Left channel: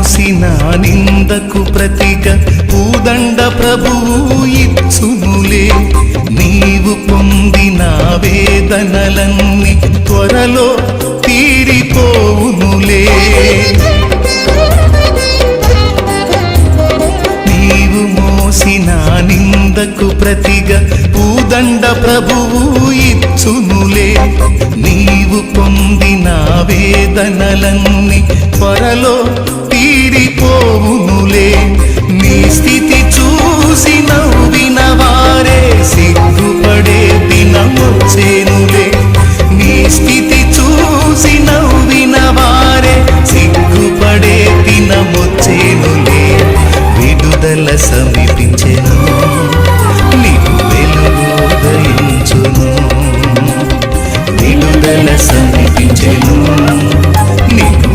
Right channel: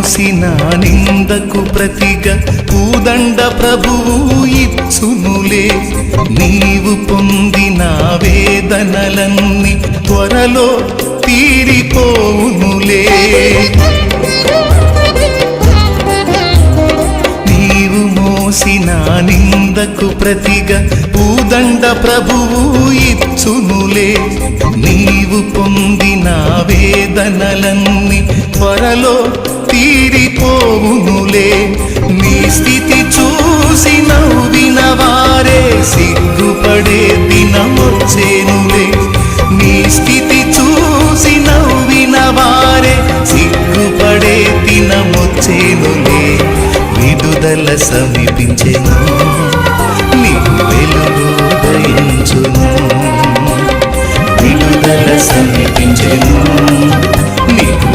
మోసిన నిందకు ప్రతిగా పూదండ ప్రభువు ఇచ్చునులే. నీవు పొందిన వేదనలన్నీ త్వరలో తీరిపోవునులే. నీవు మోసిన నిందకు ప్రతిగా పూదండ ప్రభువు ఇచ్చునులే. నీవు పొందిన వేదనలన్నీ త్వరలో తీరిపోవునులే. నీ స్థితి చూసి నవ్విన వారే సిగ్గుపడే దినమొచ్చేనులే. నీ స్థితి చూసి నవ్విన వారే సిగ్గుపడే దినమొచ్చేనులే. విడుదల సమీపించెను, నీకు వెలుగు ఉదయించును. విడుదల సమీపించెను, నీకు